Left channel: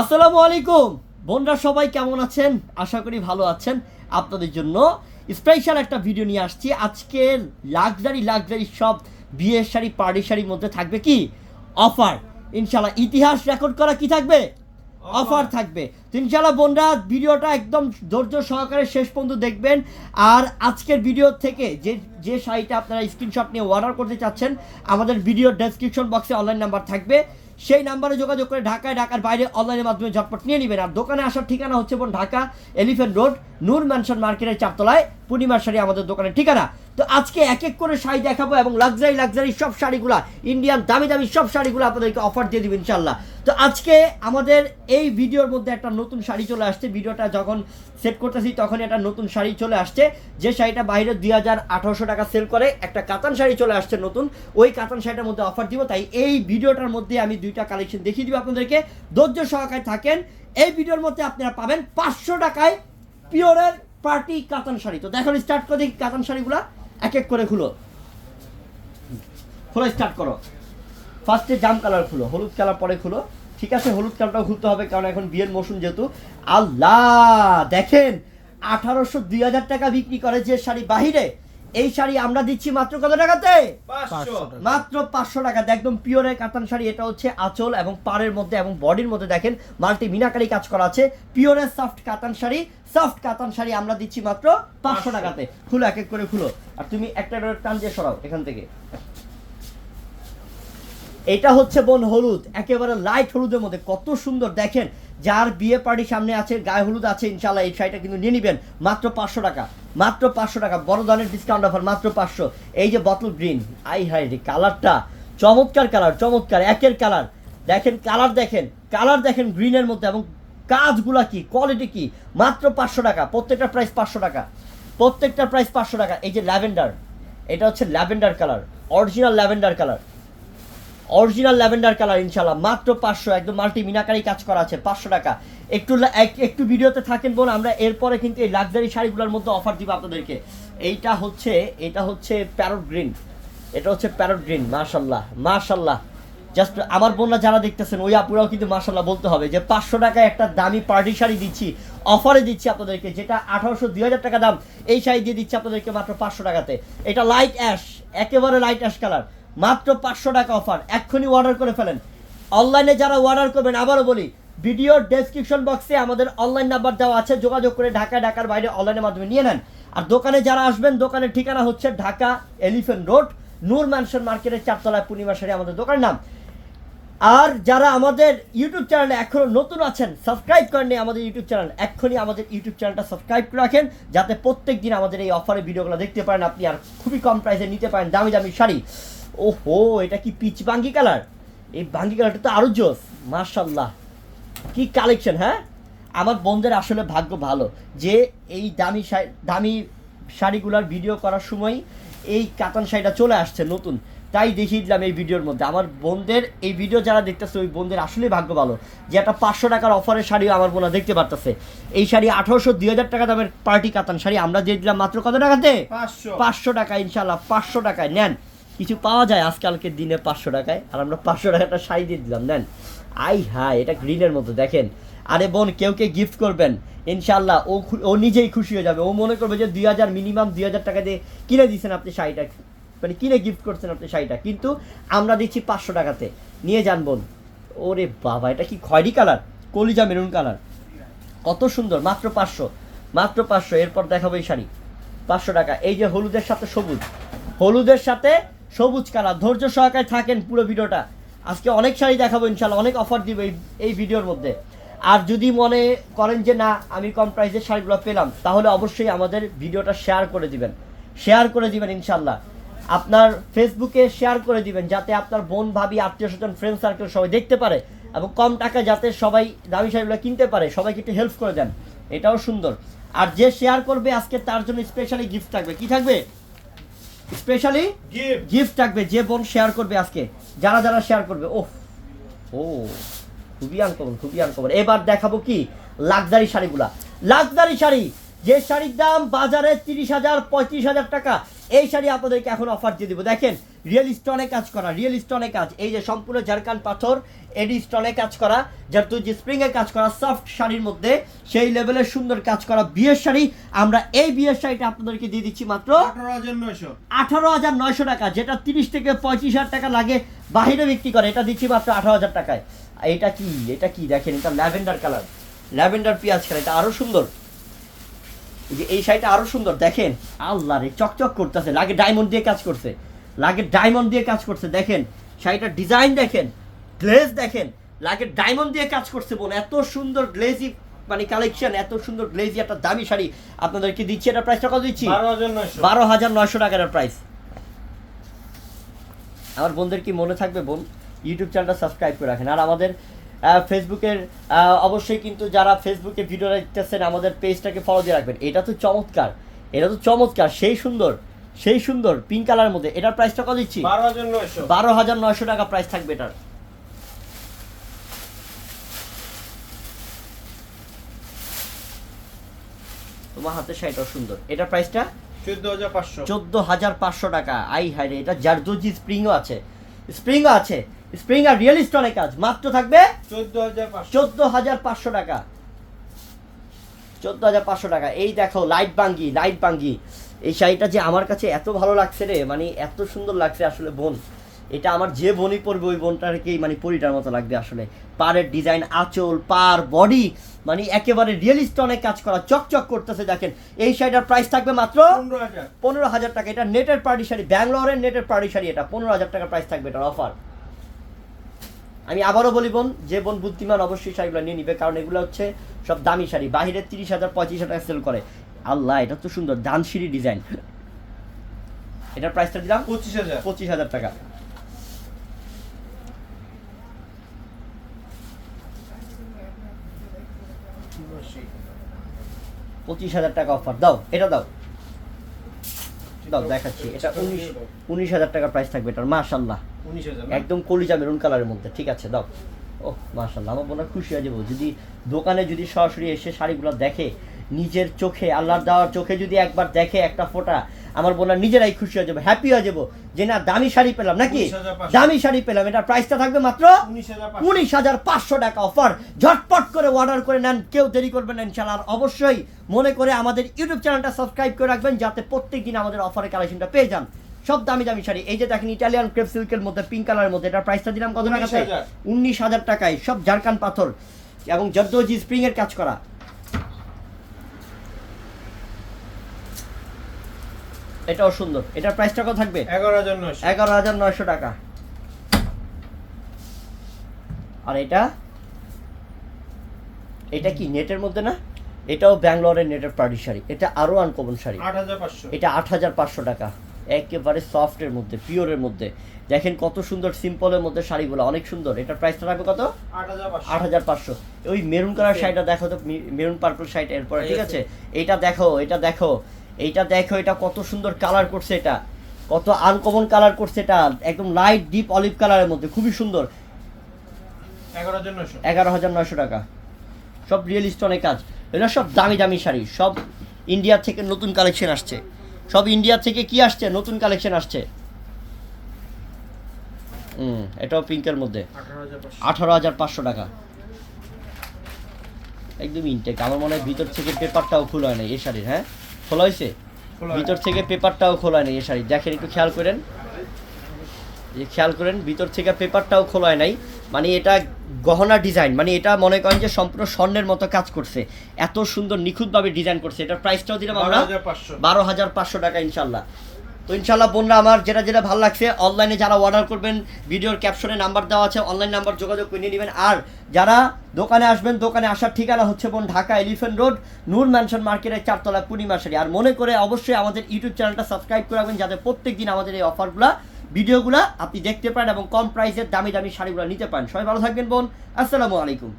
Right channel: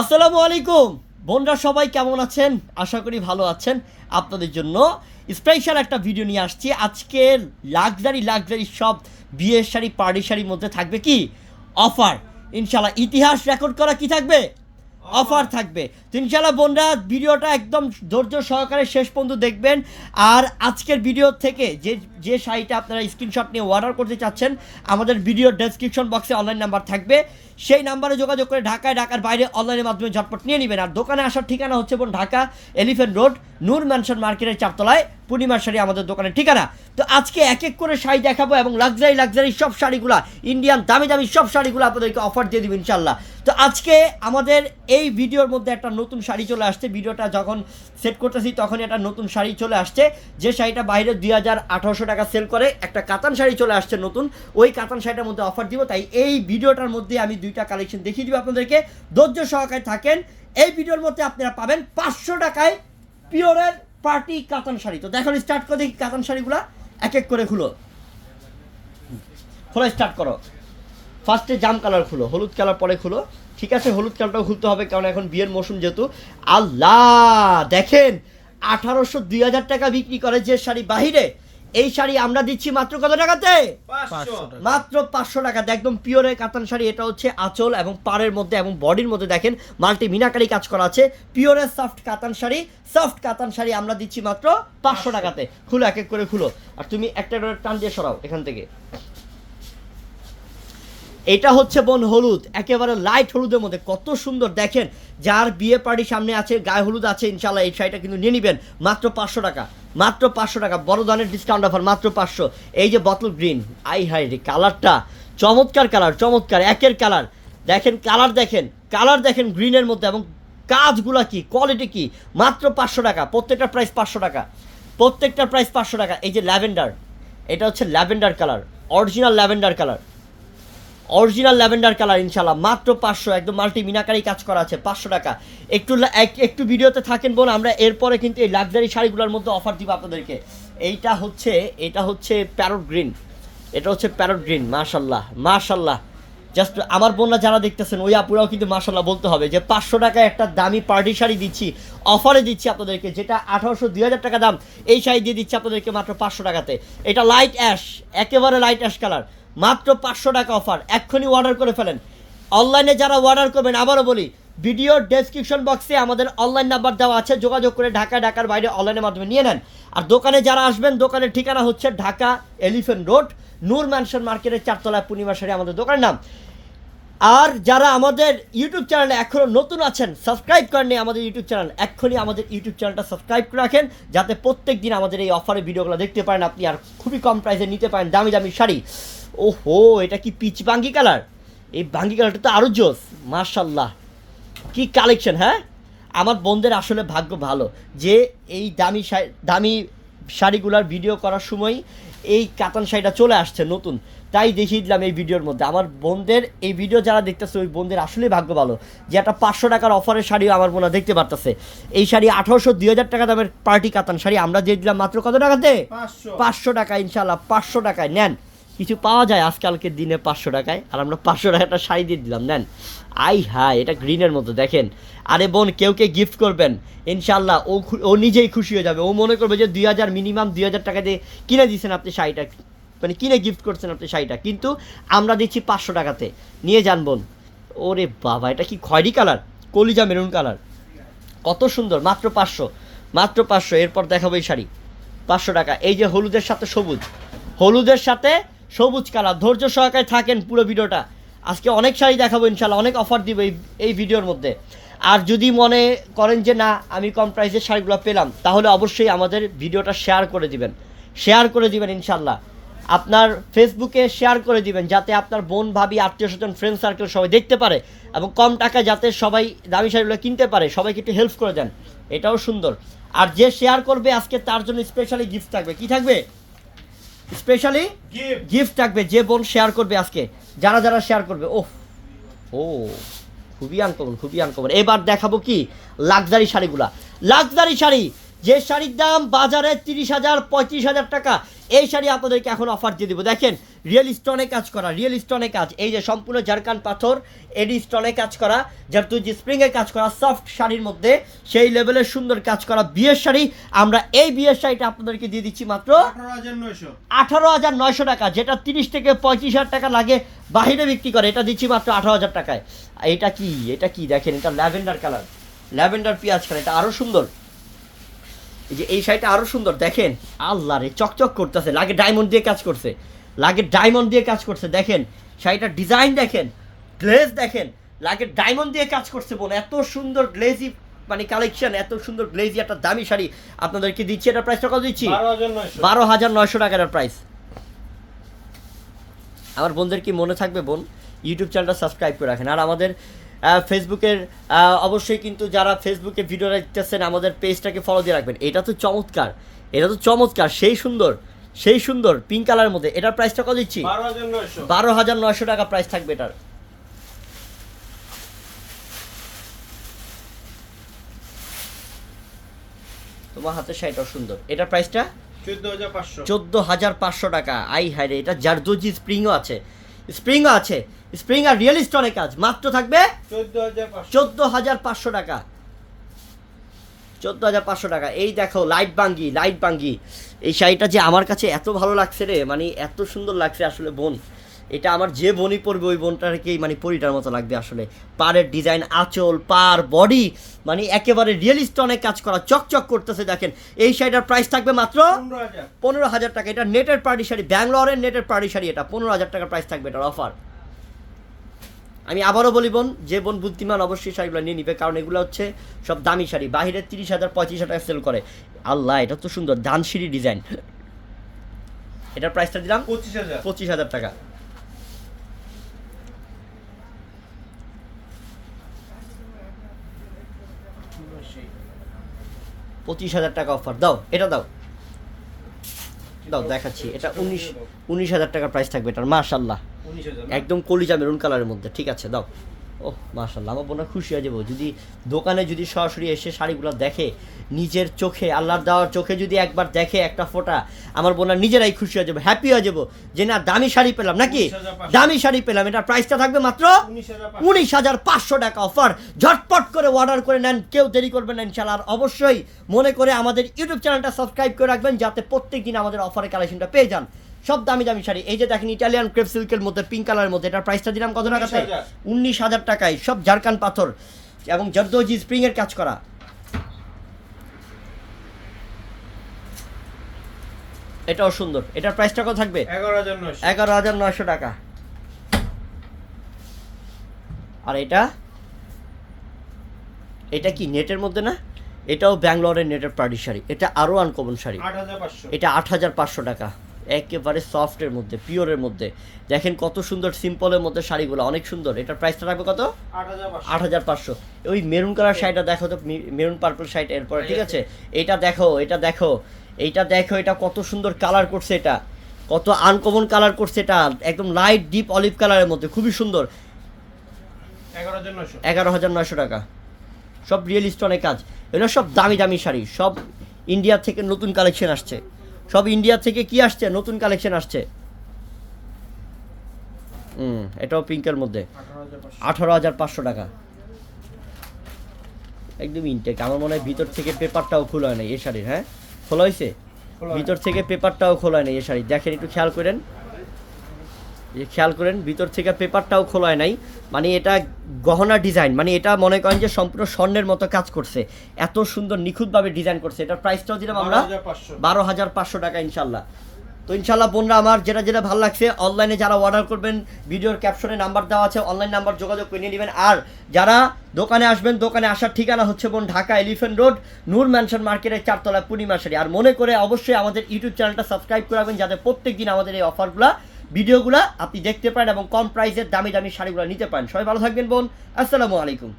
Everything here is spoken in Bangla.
আসসালামু আলাইকুম বোনরা সবাই কেমন আছেন আশা করি ভালো আছেন আপনাদের জন্য স্পেশাল একটা ভিডিও নিয়ে আসছি আজকে লাক্সারি লাক্সারি সব বিয়ের শাড়ি পার্টি শাড়ির মধ্যে থাকবে কি অফার ইনশাল্লাহ ইতিহাস রেকর্ড করা কি থাকবে অফার থাকবে ইনশাল্লাহ বোনরা ভিডিওটা একদম ধৈর্য সহকারে শেষ পর্যন্ত দেখবেন আর আজকের ভিডিও থেকে যে যে শাড়িটা আপনারা স্ক্রিনশট নিয়ে অর্ডার করতে চাচ্ছেন আমাদের ভিডিও ডেসক্রিপশন বক্সে অনলাইন নাম্বার থাকবে সেই নাম্বারে যোগাযোগ করে ঢাকায় ঢাকার বাইরে অনলাইনের মাধ্যমে ঝটপট নিয়ে নেবেন আর দোকানে আসার ঠিকানা হচ্ছে বোন Dhaka elephant road Noor mansion মার্কেটের চারতলায় পূর্ণিমার শাড়ি আমাদের দোকানের ঠিকানা তো আজকে এক এক করে শাড়ি দেখাবো এবং লাক্সারি লাক্সারি সব শাড়িগুলা ইন্ডিয়ান দামি দামি সব শাড়িগুলো আপনাদেরকে অফার দিয়ে দেবেন ইনশাল্লাহ তো আজকে আমাদের এই ভিডিওর মধ্যে একটা নতুন শাড়ি চলে আসছে ভিডিওটা যখন সেট করতেছি তখন একটা নতুন শাড়ি চলে আসছে যে শাড়িটা বাইরে দুই হাজার আঠারোশো টাকা সেল করে একটা কাতান শাড়ি চলে আসছে নতুন ওই কাতান শাড়িটার মধ্যে অফার দিব তাই এই ভিডিওটার মধ্যে আমি দুইটা কালেকশন দেখিয়ে দিব আপনাদেরকে ধৈর্য সহকারে থাকেন এই ভিডিওর মধ্যে আপনারা পাবেন পাঁচশো টাকায় পিওরের পার্টি কাতান শাড়ি তো দেখো স্টার্ট করে দেখি কাতান শাড়িগুলো এক এক করে খুলো খোলা স্টার্ট করো ফার্স্টে জাম কালার খুলো হলুদ কালার পরে খুলো ঠিক আছে হলুদ কালারটাও খুলতে হবে কারণ এখন বিয়ের মৌসুম যেহেতু আল্লাহ দেখেন আঠারোশো দুই হাজার টাকা বিক্রি করে যে শাড়ি বাহিরে এই শাড়ি আমরা দিচ্ছি মাত্র কত টাকাতে মাত্র পাঁচশো টাকাতে একদম পিওরের কাতান শাড়ি এটা হচ্ছে আঁচল এবং পাড়ের মধ্যে এবং বডির মধ্যে দেখেন মাল্টি মিনাকারি কাজ করা আছে পিওরের সফট কাতান শাড়ি সফট কাতান শাড়ি আমরা দিচ্ছি মাত্র পাঁচশো টাকাতে খুলো এক এক করে খুলো আর তুমি একটা টান দিয়ে সরাও এখান থেকে এটা হচ্ছে বোন হলুদ একেবারে লাইট হলুদের মধ্যে কত সুন্দর দেখেন যার বিয়ে পার্টি সামনে আছে গায়ে হলুদ আছে ইনশাল্লাহ এই শাড়িটা কিন্তু নিয়ে নেবেন মাত্র পাঁচশো টাকা মাত্র পাঁচশো টাকা বড় ধরনের ডিসকাউন্ট অফার মাত্র পাঁচশো এই যে বটল গ্রিন আই হাই রে কালারটা চমৎকার কালার চমৎকার একের কালার দেখেন কালার দেখেন কালার দেখেন গ্রিনের মধ্যে এবং কাজগুলা কি কোয়ালিটি কি মাত্র পাঁচশো টাকা প্রত্যেকটা প্রাইস পাঁচশো টাকা প্রত্যেকটার প্রাইস পাঁচশো টাকা এই যে ল্যাভেন্ডার এটা হচ্ছে lavender colour original lavender colour original lavender colour ইনশাল্লাহ মাত্র পাঁচশো একদম মাল্টি মিনাকারি কাজ করা আছে পাঁচশো টাকা একটু একটু ভিডিওতে থাকেন বল আমরা এরপরে কিন্তু এই লাক্সারি শাড়িগুলোর মধ্যে অফার দিব আপনাদেরকে এইটা হচ্ছে এটা হচ্ছে প্যারট গ্রিন এটা হচ্ছে প্যারট গ্রিন মার্শাল্লাহ মার্শাল্লাহ জাস্ট আমার বোনরা যারা দেখতেছেন ওই আপুরাও কিন্তু মার্শাল্লাহ বলতে হবে যে পাঁচশো টাকায় একটা দামি পার্টি শাড়ি দিচ্ছি অফারে দিচ্ছি আপনাদেরকে যেটা আঠারোশো দুই হাজার টাকা দাম এই শাড়ি দিয়ে দিচ্ছি আপনাদেরকে মাত্র পাঁচশো টাকাতে এটা লাইট অ্যাশ একেবারে লাইট অ্যাশ কালার মাত্র পাঁচশো টাকা অফার এক্ষুনি অর্ডার করে ফেলেন অনলাইনে যারা অর্ডার করবেন আবারও বলি ভিডিও ডেসক্রিপশন বক্সে আমাদের অনলাইন নাম্বার দেওয়া আছে যোগাযোগ করে ঢাকা ঢাকার বাইরে অনলাইনের মাধ্যমে নিয়ে নেন আর দোকানে যারা আসবেন দোকানের ঠিকানা হচ্ছে Dhaka elephant road Noor mansion মার্কেটের চারতলা পূর্ণিমা সারি আমাদের দোকানের নাম আর যারা আমাদের ইউটিউব চ্যানেলে এখনও নতুন আছেন সাবস্ক্রাইব করেননি আমাদের ইউটিউব চ্যানেল এক্ষুনি আমাদের ইউটিউব চ্যানেলটা সাবস্ক্রাইব করে রাখেন যাতে প্রত্যেক দিন আমাদের এই অফারের ভিডিওগুলো দেখতে পারেন আপনি আর খুবই কম প্রাইসে নিতে পারেন দামি দামি শাড়ি ওহো এটা কি পিচ বাঙ্গি কালার এই বাঙ্গি কালারটা তো আরো জোস মার্শাল্লাহ কি কালেকশন হ্যাঁ আমার বোনদের আসলে ভাগ্য ভালো যে এই দামি দামি শাড়িগুলার ভিডিও করার সময় এই কাতান শাড়িটা চলে আসছে নতুন তাই দেখিয়ে দিলাম এই ভিডিওর মধ্যে আমার বোনদের এই ভিডিও যারা দেখতেছে ওই বোনদের আসলেই ভাগ্য ভালো যে একটা পাঁচশো টাকার অফারের শাড়ি আমার বোনা দেখতে পারতেছে এই শাড়ি আঠারোশো দুই হাজার টাকা দামের পার্টি কাতান শাড়ি আমরা দিয়ে দিলাম মাত্র কত টাকাতে পাঁচশো টাকা ইনশাল্লাহ পাঁচশো টাকায় নেন কিছু পাওয়া যায় আজকালকে দিনে পাঁচশো টাকায় আর আমরা পাঁচশো টাকাটা শাড়ি দিয়ে দিলাম নেন আই হায় এটা গ্রিনের মতো দেখেন আরে বোন কেউ কে গিফট করবেন ইনশাল্লাহ ও ও নিজেই খুশি হয়ে যাবে ও মনে করবে যে দুই হাজার মিনিমাম দুই হাজার টাকা দিয়ে কিনে দিয়েছেন আপনি শাড়িটা মানে কিনে গিফট করছেন আপনি শাড়িটা কিন্তু আমরা দিচ্ছি পাঁচশো টাকাতে নিয়ে যান বোন ওরে বাবা এটা কি খয়েরি কালার কলিজা মেরুন কালার কত সুন্দর মাত্র পাঁচশো মাত্র পাঁচশো এরপর দেখাবো এই শাড়ি পাঁচশো টাকা এই যে হলুদের সাথে সবুজ হলুদের সাথে সবুজ কালার ধৈর্য সহকারে থাকেন পুরো ভিডিওটা আজকে অনেক শাড়ি দেখাবো ইনশাল্লাহ অনেক অফার দিব এই এই ভিডিওর মধ্যে আর যদি মনে করেন যে না আমি কম প্রাইসের শাড়িগুলো পেলাম তাহলে অবশ্যই আমাদের ভিডিওটা শেয়ার করে দিবেন শেয়ার করে দিবেন ইনশাল্লাহ আপনার ফেসবুকে শেয়ার করে দিবেন যাতে আপনার বোন ভাবি আত্মীয় স্বজন ফ্রেন্ড সার্কেল সবাই দেখতে পারে এবং কম টাকায় যাতে সবাই দামি শাড়িগুলো কিনতে পারে সবাইকে একটু হেল্প করে দেন এটাও সুন্দর আর যে শেয়ার করবে আজকে তার জন্য স্পেশালি গিফট থাকবে কি থাকবে স্পেশালি গিফট থাকবে যে বোন শেয়ার করবে আজকে যারা যারা শেয়ার করবে ওহ ও খুবই আনকমন খুবই আনকমন এবার দেখাবো কি লাক্সারি শাড়িগুলা লাক্সারি শাড়ি যে শাড়ির দাম বাজারে তিরিশ হাজার পঁয়ত্রিশ হাজার টাকা এই শাড়ি আপনাদেরকে এখন অফার দিয়ে দিব দেখেন রিয়েল স্টোনে কাজ করা রিয়েল স্টোনে কাজ এই যে সম্পূর্ণ জারকান পাথর এডি স্টোনে কাজ করা তুই যে স্প্রিংয়ে কাজ করা সফট শাড়ির মধ্যে সেই লেভেলের সুন্দর কাজ করা বিয়ের শাড়ি আমরা এই বিয়ের শাড়িটা আপনাদেরকে দিয়ে দিচ্ছি মাত্র আঠারো হাজার নয়শো টাকা যেটা তিরিশ থেকে পঁয়ত্রিশ হাজার টাকা লাগে বাহিরে বিক্রি করে এটা দিচ্ছি মাত্র আঠারো হাজার টাকায় এটা কি এটা কি দেখেন এটা ল্যাভেন্ডার কালার ল্যাভেন্ডার পেঁয়াজ কালার এটা আরও সুন্দর যে এই শাড়িটা আরো সুন্দর দেখেন আল্লাহ রে চকচক করতেছে লাগে ডায়মন্ড দিয়ে কাজ করছে লাগে ডায়মন্ড দিয়ে কাজ করছে দেখেন শাড়িটার ডিজাইন দেখেন গ্লেজ দেখেন লাগে ডায়মন্ড দিয়ে কাজ করছে বলে এত সুন্দর গ্লেজি মানে কালেকশন এত সুন্দর গ্লেজি একটা দামি শাড়ি আপনাদেরকে দিচ্ছি এটা প্রাইসটা কত দিচ্ছি বারো হাজার নয়শো টাকার প্রাইস আমার বোনদের কি মনে থাকবে বোন ইউটিউব চ্যানেলটা সাবস্ক্রাইব করে রাখেন আর আমাদের ফেসবুকের অবশ্যই কিন্তু যারা ফেসবুকে ভিডিও দেখতেছেন আমাদের পেজটাকে ফলো দিয়ে রাখবেন এটা তো চমৎকার এটা তো চমৎকার সেই সুন্দর সেই সুন্দর পিঙ্ক কালারের মধ্যে এটার প্রাইসটা কত দিচ্ছি বারো হাজার নয়শো টাকা প্রাইস থাকবে এটার তোমার হাতে শাড়িটা সুন্দর এটার প্রাইসটা চোদ্দ হাজার পাঁচশো টাকা আই হাই রে এটা জারদোজি স্প্রিংও আছে স্প্রিংও আছে স্প্রিং আর রিয়েল স্টোনে কাজ মাত্র থাকবে চোদ্দ হাজার পাঁচশো টাকা চোদ্দ হাজার পাঁচশো টাকা এই দেখো লাইট বাঙ্গি লাইট বাঙ্গি এই শাড়িটা যে আমার কাছে এত ভালো লাগছে রে মানে এত সুন্দর লাগছে আসলে বোন এটা আমার যে বনি পরবে ওই বোনটাকেই মানে পরিটার মতো লাগবে আসলে পাড়ের ডিজাইন আঁচল পার বডি মানে একেবারে রিয়েলিস্ট অনেক কাজ করা চকচক করতেছে দেখেন এই শাড়িটার প্রাইস থাকবে মাত্র পনেরো হাজার টাকা এটা নেটের পার্টি শাড়ি ব্যাঙ্গালোরের নেটের পার্টি শাড়ি এটা পনেরো হাজার টাকার প্রাইস থাকবে এটার অফার আমি আবারও বলি বোন যে বোন বুদ্ধিমান অবশ্যই শাড়িগুলো নিয়ে নিবে কারণ এগুলো হচ্ছে সব দামি শাড়ি বাহিরে তিরিশ হাজার পঁয়ত্রিশ হাজার টাকা সেল করে আল্লাহ এটা তো সুন্দর দানশিরি ডিজাইন এটার প্রাইসটা দিলাম পঁচিশ হাজার পঁচিশ হাজার টাকা পঁচিশ হাজার টাকা অফার দাও এটা দাও দাও দেখাচ্ছি এটা উনিশ উনিশ হাজার টাকা প্রাইস থাকবে এটার মাসাল্লাহ একদম কলিজা মেরুন কালারের মধ্যে ঠিক আছে দাও ও মাশাল্লাহ আমার বোনরা খুশি হয়ে যাবো যদি দোকানে যদি সরাসরি এসে শাড়িগুলো দেখে নিজের চোখে আল্লাহর দেওয়ার চোখে যদি একবার দেখে একটা ফোটা আমার বোনা নিজেরাই খুশি হয়ে যাবো হ্যাপি হয়ে যাবো যে না দামি শাড়ি পেলাম নাকি দামি শাড়ি পেলাম এটা প্রাইসটা থাকবে মাত্র উনিশ হাজার পাঁচশো টাকা অফার ঝটপট করে অর্ডার করে নেন কেউ দেরি করবেন ইনশাল্লাহ আর অবশ্যই মনে করে আমাদের ইউটিউব চ্যানেলটা সাবস্ক্রাইব করে রাখবেন যাতে প্রত্যেক দিন আমাদের অফারের কালেকশনটা পেয়ে যান সব দামি দামি শাড়ি এই যে দেখেন ইটালিয়ান ক্রেপ সিল্কের মধ্যে পিঙ্ক কালারের মধ্যে এটার প্রাইসটা দিলাম কত টাকা উনিশ হাজার টাকায় সব ঝাড়খান পাথর এবং জর্দোজি স্প্রিং এর কাজ করা এটাও সুন্দর এটার প্রাইসটা কত থাকবে এগারো হাজার নয়শো টাকা আর এটা এটা কি নেটের মধ্যে না এটাও ব্যাঙ্গালোরের নেটের পার্টি শাড়ি এটা আরও আনকমন শাড়ি এটা আট হাজার পাঁচশো টাকা একেবারে সফটের মধ্যে পিওরের মধ্যে দেখেন কত সুন্দর সিম্পলের মধ্যে শাড়িগুলো অনেক সুন্দর এটার প্রাইসটা থাকবে কত আট হাজার পাঁচশো ওই মেরুন কালার শাড়িটা দেখো তো মেরুন পার্পল শাড়ি এরপর ঠিক আছে এটা দেখো এটা দেখো এইটা দেখো এটা কত সুন্দর কালার করছে এটা কত আনকমন কালার করছে এটা একদম লাইট ডিপ অলিভ কালারের মধ্যে খুবই সুন্দর এগারো হাজার নয়শো টাকা সব রিয়েলিস্ট অনেক কাজ এগুলো সব দামি দামি শাড়ি সব ইন্ডিয়া থেকে নতুন কালেকশন আসছে সব ইন্ডিয়া থেকে কি আসছে নতুন কালেকশন আসছে হুম এটাও পিঙ্কের মধ্যে আঠারো হাজার পাঁচশো টাকা একদম ইনটেক আমার মনে হয় ভিতর থেকে পেপারটাও খোলা হয় এ শাড়ির হ্যাঁ খোলা হয়েছে ভিতর থেকে পেপারটাও খোলা নেই এ শাড়ি দেখেন একটু খেয়াল করেন যে খেয়াল করেন ভিতর থেকে পেপারটাও খোলায় নাই মানে এটা গহনা ডিজাইন মানে এটা মনে করেন যে সম্পূর্ণ স্বর্ণের মতো কাজ করছে এত সুন্দর নিখুঁতভাবে ডিজাইন করছে এটার প্রাইসটাও দিলাম আমরা বারো হাজার পাঁচশো টাকা ইনশাল্লাহ তো ইনশাল্লাহ বোনরা আমার যেটা যেটা ভালো লাগছে অনলাইনে যারা অর্ডার করবেন ভিডিওর ক্যাপশনে নাম্বার দেওয়া আছে অনলাইন নাম্বার যোগাযোগ করে নিয়ে নেবেন আর যারা দোকানে আসবেন দোকানে আসার ঠিকানা হচ্ছে বোন Dhaka elephant road Noor mansion মার্কেটের চারতলা পূর্ণিমাশারি আর মনে করে অবশ্যই আমাদের ইউটিউব চ্যানেলটা সাবস্ক্রাইব করে রাখবেন যাতে প্রত্যেক দিন আমাদের এই অফারগুলো ভিডিওগুলো আপনি দেখতে পান এবং কম প্রাইসের দামি দামি শাড়িগুলো নিতে পান সবাই ভালো থাকবেন বোন আসসালামু আলাইকুম